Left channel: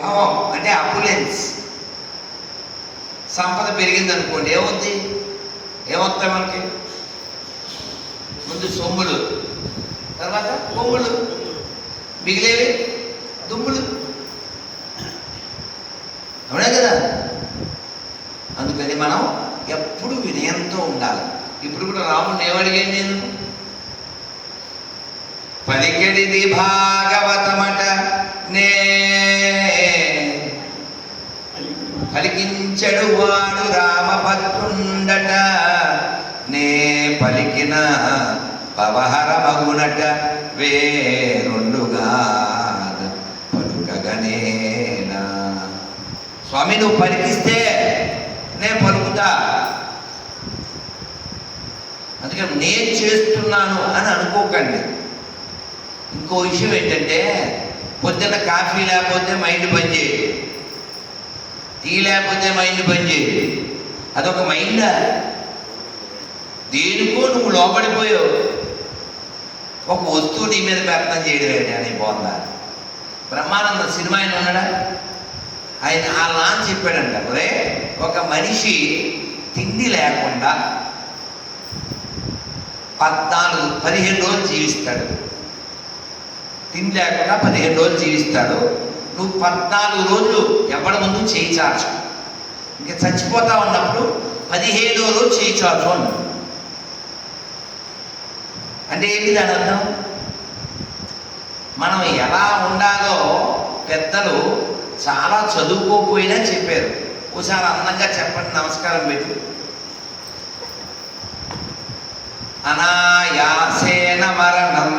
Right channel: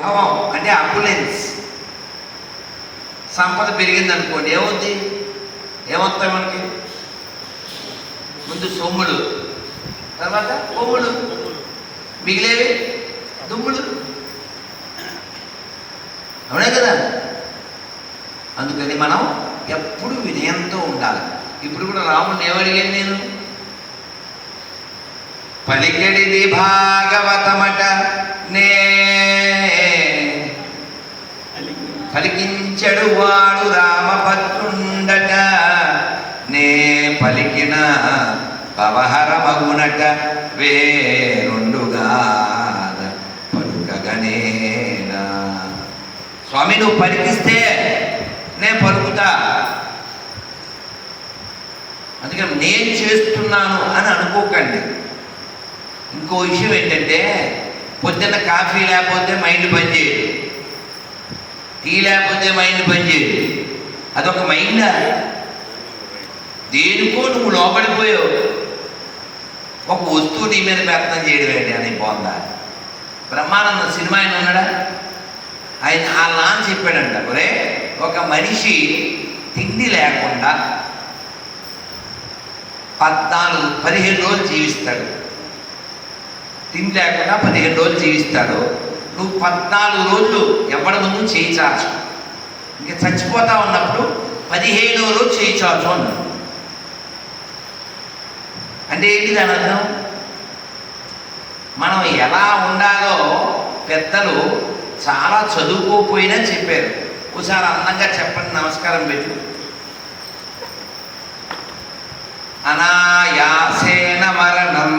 భావం అంటే అపులెన్స్. సంపద పెరిగింది అనుకోండి, ఏమవుద్ది? ఏమొస్తాయి మనకి? ముందు సొమ్ములు, తర్వాత కొమ్ములు, మిగిలేవి దుమ్ములు. అవునే కదా? అందుకని మనం ఎప్పుడు వినయంతో ఉండాలి. ఇప్పుడు కూడా రాముడిని ఏమడిగాను నేను? పలికెడిది భాగవతమట నే పలికించడు వాడు రామభద్రుండట, నే పలికిన పవహర మగునట వేరుండుగా పలుకగనేనా. స్వామి నువ్వు పలికిస్తే నేను పలుకుతా, అందుకని నేను చేస్తున్నాను అని అనుకోకండి. ఇంకో విషయం ఏంటంటే, పొద్దున్న కాఫీ లేకపోతే మైండ్ పనిచేయదు, టీ లేకపోతే మైండ్ పనిచేయదు. అదొక మైండా? దేనికో నువ్వు లోపడిపోయావు. ఒక వస్తువు నీ మీద ప్రయత్నం చేయడం అని బాగుందా? బ్రహ్మానందం సినిమా ఆయన ఉన్నాడా? ఆయన ఆ లాంచ్ చెప్పాడంట, ఒరే ఒక మనిషి తిండి లేకుండా 15 రోజులు జీవిస్తాడు. తిండి లేకుండా 15 రోజులు జీవిస్తాడు. నువ్వు 14 రోజులు ఎవరి ముందు చేయి చాచు, ఇంకా చచ్చిపోతా ఉన్నప్పుడు 15వ రోజు చేయి చాచు అన్నాడు. అంటే ఏంటి దాని అర్థం? మనం ఎలా ఉండాలో పెద్దలు చాలా చదువుకోకపోయినా చెప్పారు. ఒకసారి అందంగా చెప్పండి, నమస్కారం పెట్టు. అనాయాసేన మరణం.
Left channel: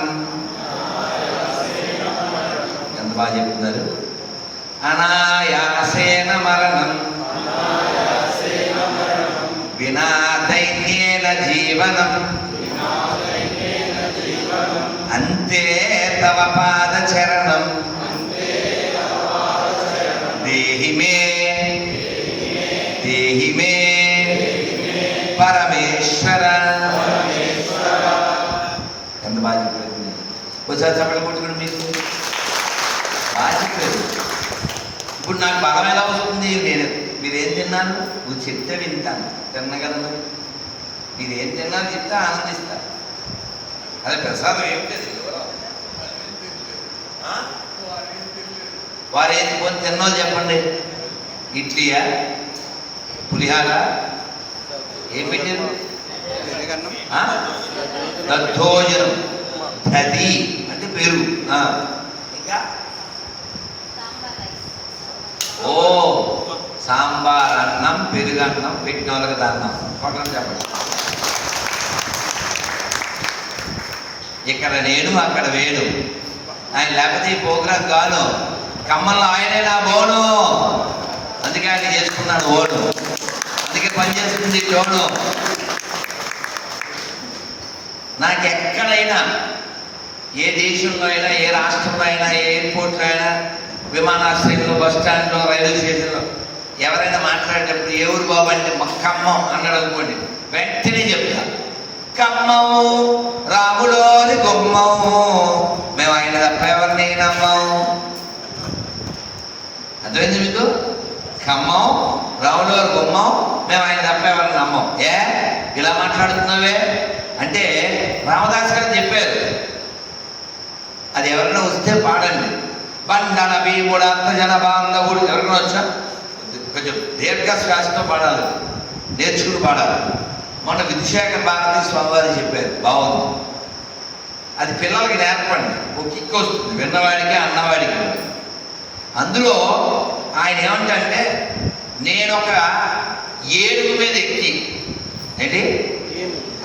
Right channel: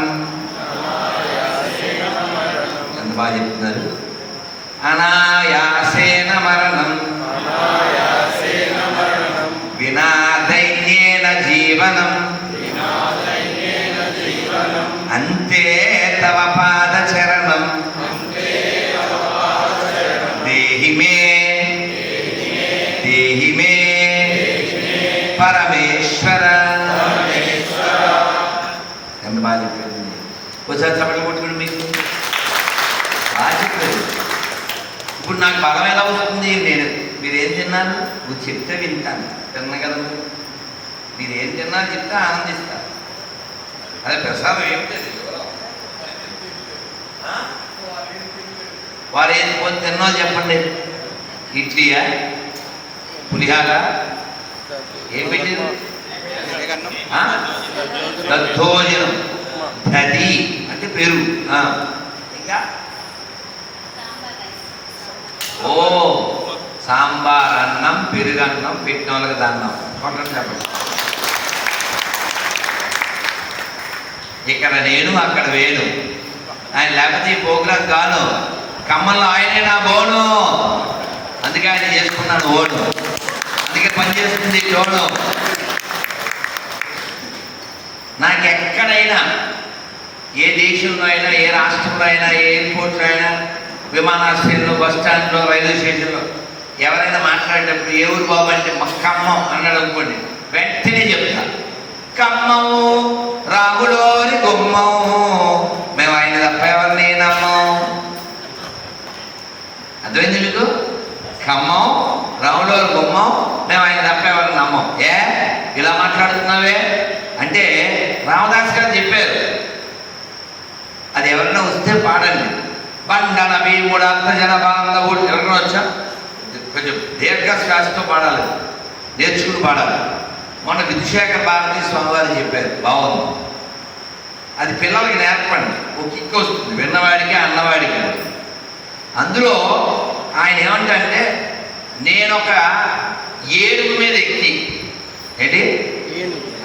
ఎంత బాగా చెప్తున్నారు. అనాయాసేన మరణం వినా దైన్యేన జీవనం అంతే తవ పాదచరణం దేహి మే దేహి మే పరమేశ్వర. ఎంత బాగా చెప్పింది. ఒకసారి చప్పట్లు కొట్టుకుని మీకు బాగా చెప్పారు. ఇప్పుడు నాకు బలం ఎలా వస్తుంది? మీరేం తిన్నాను నువ్వు చెప్తే వింటాను, తిన్నగలరు. మీరేం తిన్నాను చెప్తే ఆనందిస్తా. అదే ప్రసాదం ఏంటది? వారు ఏం కొని తిన్నా చెప్పండి. ఇడ్లీయా, పులిహార, ఏం పెట్టారు? దద్దోజనం, దది అంటే పెరుగు, ఇంకా ఓ సాంబార్ అన్నం, పెరుగన్నం, పెట్టిన వాళ్ళకి దన్నం. ఇక్కడ నేను అక్కడ వేణు. ఆయన లేకపోతే ఈ ప్రోగ్రాం కాను. ఖమ్మంలో ఆయనే నా బోను, అందుకే ఆయన చేసుకున్నాడు ఓను, అందుకే పని చేస్తుంది జోను. నాకు ఎక్కడైనా, ఏ దేశంలో అయినా, ఏ రాష్ట్రంలో అయినా, ఏ ఎయిర్పోర్ట్లో అయినా, విమానాశ్రయంలో, బస్ స్టాండ్లో, రైల్వే స్టేషన్లో ఎవరైనా మాట్లాడేటప్పుడు ఏ ఊరు బాబు అంటే ఖమ్మం అన్నాడు అనుకోండి, వెంటనే చెప్తా ఖమ్మము రాములోని గుమ్మము, మేము ఆయన తప్ప ఎవరిని నమ్మం. అర్థమైంది మీకు? ఖమ్మం రాములోని గుమ్మం, మేము ఆయన తప్ప ఎవరిని నమ్మం. ఏ ఇలా మాట్లాడుతున్నావే అంటే రామదాస్ గారు చెప్పారు, అది ఎవరైనా వస్తే పాడండి. బండన భీముడు అంత జన బాంధవుడు. ఎవరైనా వచ్చా కొంచెం దీర్ఘ శ్వాసతో పాడాలి, నేర్చుకుని పాడాలి. మొన్న విధుశేఖ భారతి స్వామి వారు చెప్పారు, బాగుంది. అది పిల్లలకి నేర్పండి, ఒక కిక్ వస్తుంది విన్నవాడికి అన్నవాడికి. అందులో ఆయన ఏమంటే, నేను ఒక ఏనుగు మీద ఎక్కి, ఏంటి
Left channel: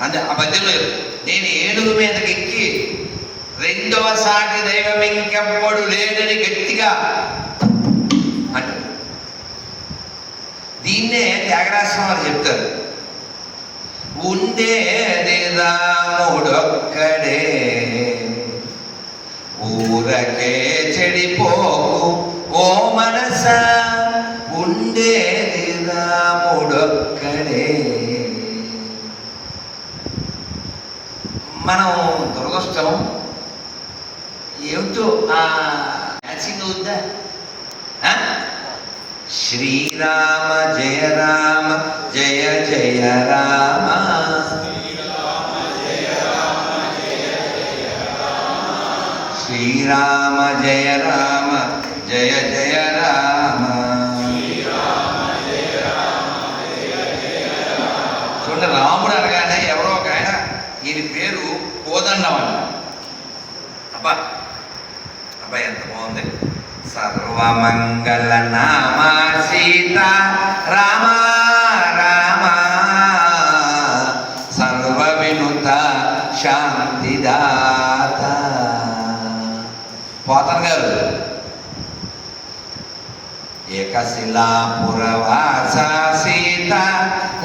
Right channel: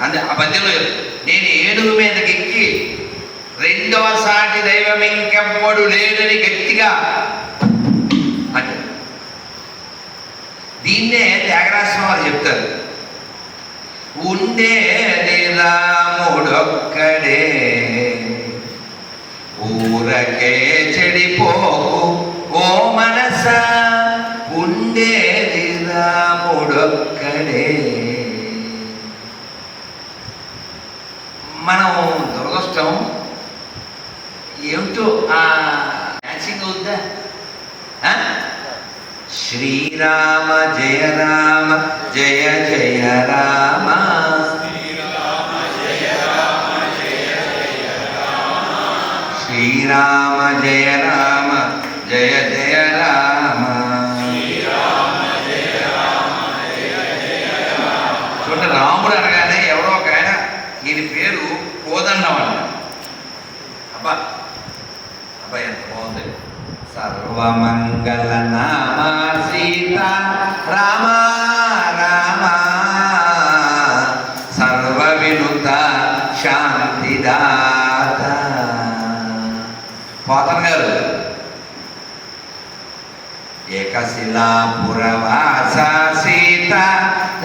అంటే ఆ పద్యంలో, నేను ఏనుగు మీదకి ఎక్కి రెండవ సాటి దైవం ఇంకెవ్వడు లేడని గట్టిగా అంటే, దీన్నే త్యాగరాజస్వామి వారు చెప్తారు. ఉండేది రాముడొక్కడే ఊరకే చెడిపోకు ఓ మనస, ఉండేది రాముడొక్కడే. మనం దురదృష్టం ఏమిటో మ్యాచింగ్ అవుద్దా? శ్రీరామ జయ రామ జయ జయ రామ. శ్రీరామ జయ రామ జయ జయ రామ. చూడండి, రాముడు అనగానే ఎవరో ఒక ఆయన ఈయన పేరు కోదండం అంట. అబ్బా అబ్బా ఎంత బాగుంది. సర్వమంగళ నామ సీత రామ రామ, సర్వ వినుత శాంతిదాత. పోతన గారు ఏకశిలాపురవాస సీత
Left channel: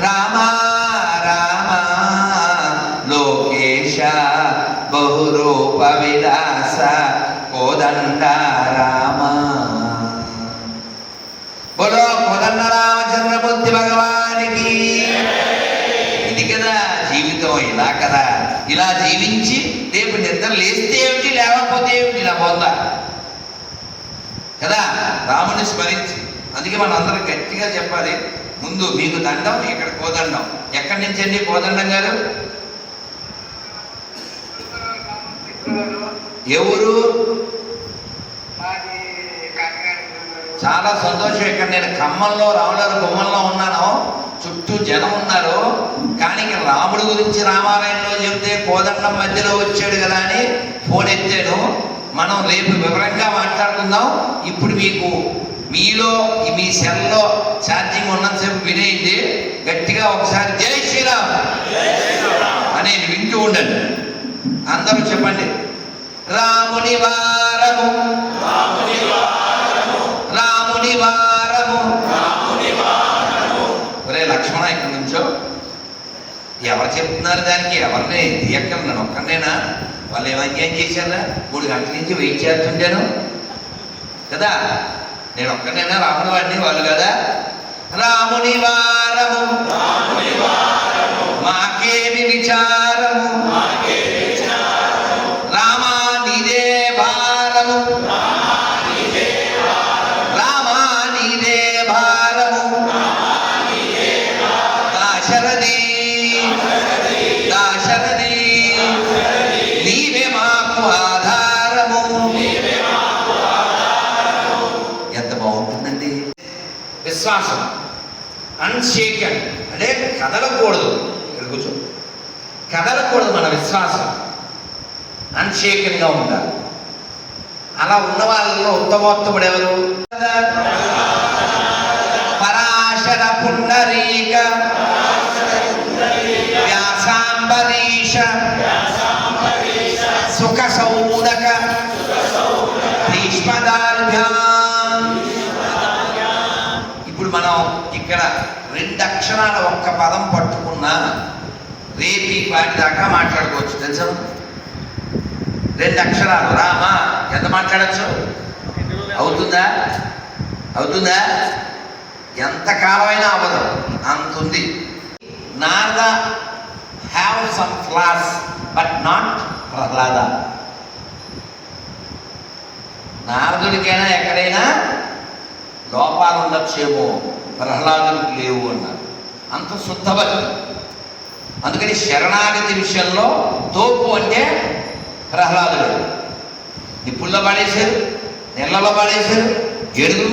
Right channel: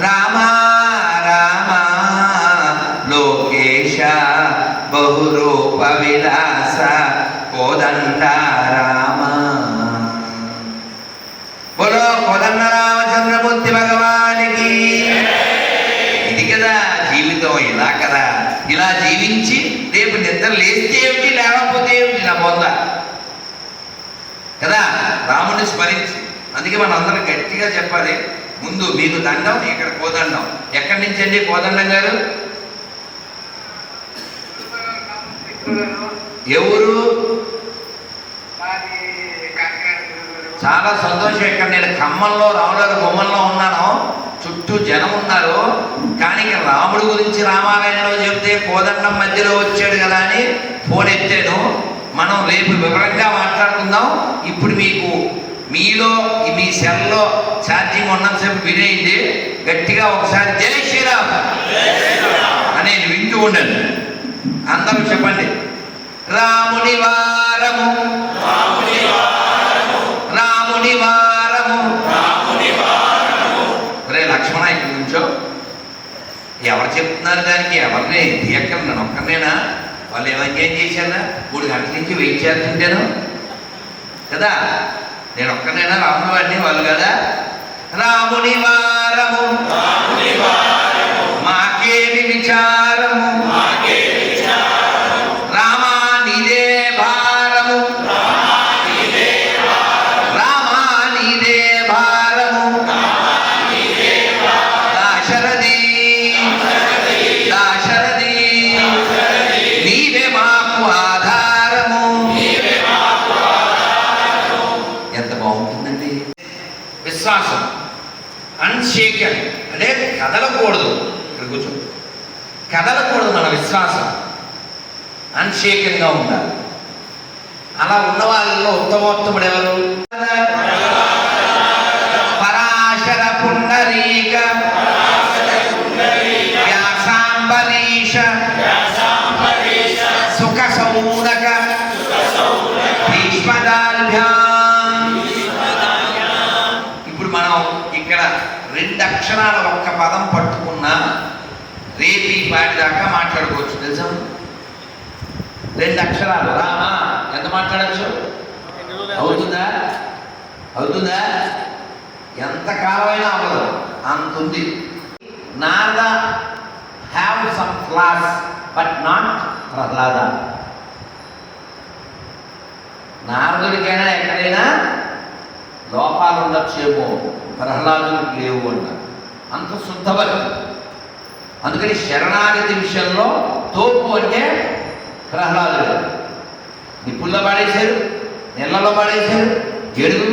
రామ రామ, లోకేశ బహురూప విలాస కోదండ రామ. బోలో కోదండ రామచంద్రమూర్తి భగవానికి. ఇది కదా జీవితం, ఇలా కదా. ఇలా జీవించి రేపు నిద్ర లేస్తే ఏమిటి, లేకపోతే ఏమిటి, నా బొంద కదా. రాముని స్మరించి, అందుకే మనం అందరం గట్టిగా చెప్పాలి. ముందు మీకు దండం, ఇక్కడ కోదండం. ఎక్కడి నుంచి అండి కోదండం గారు? ఎవరు? చాలా సంతోషం. ఇక్కడ నేను ఖమ్మంలో రాముల బొమ్మల్లో ఉన్నాను, చుట్టూ జనం ఉన్నారు. కానీ రాముడి గురించి రామాలయంలో చెబితే కోదండం మధ్యలో వచ్చాడు కదా అని ఫోన్ ఎత్తాను. మనం రేపు వివరంగా మాట్లాడుకుందాం. ఇప్పుడు మీకు మీలో మీ సెల్లో ఛార్జింగ్ ఉన్నంతసేపు వినేయండి. గట్టిగా ఒకసారి జై శ్రీరామ్ అనేది వింటూ ఉండండి. అందరూ చెప్పండి. రాముని వారము రాముని వారము. ఒరే లక్ష్మణ, ఇక్కడ నుంచో. ఎవరు చెప్తున్నారు దానికి? ఎవరిని తీయక్కర్, నేను ఒక్కనేనా? వాళ్ళు ఏం చేశారా? 3 గంటల నుంచి వెయిట్ చేస్తుంటాను కదా. నేను ఒక్కనేనా రాముని వాడిని? వాళ్ళు కదా. రాముని వారము మాకేమి విచారము, రామా నీదే భారము, రామా నీదే భారము, దాశరథి దాశరథి నీవే మాకు ఆధారము. ఎంత బాగుంటుందండి విశ్వాసం. అన్షేకన్ అంటే కదలకూడదు. ఇక్కడ కూర్చో, కదలకూడదు మన విశ్వాసం. అన్షేకంగా ఉండాలి. అలా ఉన్న వాళ్ళలో ఉత్తమోత్తముడు ఎవరు? పరాశర పుండరీక వ్యాసాంబరీష సుఖ సౌనక భీష్మదాల్భ్యాం. ఇప్పుడు మనం ఇక్కడ 2 అక్షరాల ఒక్క పదం పట్టుకున్నా రేపు ఈ పాటి దాకా మాట్లాడుకోవచ్చు, తెలుసా? 2 అక్షరాలు రామ ఎంత మాట్లాడచ్చు? అవుతుందా? అవుతుందా? ఎంతకాలమైనా అవ్వదు, అంత ఉంది. Narada have some flaws but not Prahlada. నారదుడికైనా ఎక్కడైనా లోపాలు ఉండొచ్చేమో, ప్రహ్లాదుడికి లేవు అన్నారు. అంత శుద్ధభక్తి. అందుకని శరణాగతి విషయంలో తోపు అంటే ప్రహ్లాదుడు. నిప్పుల్లో పడేశారు, నీళ్ళలో పడేశారు, జడుగు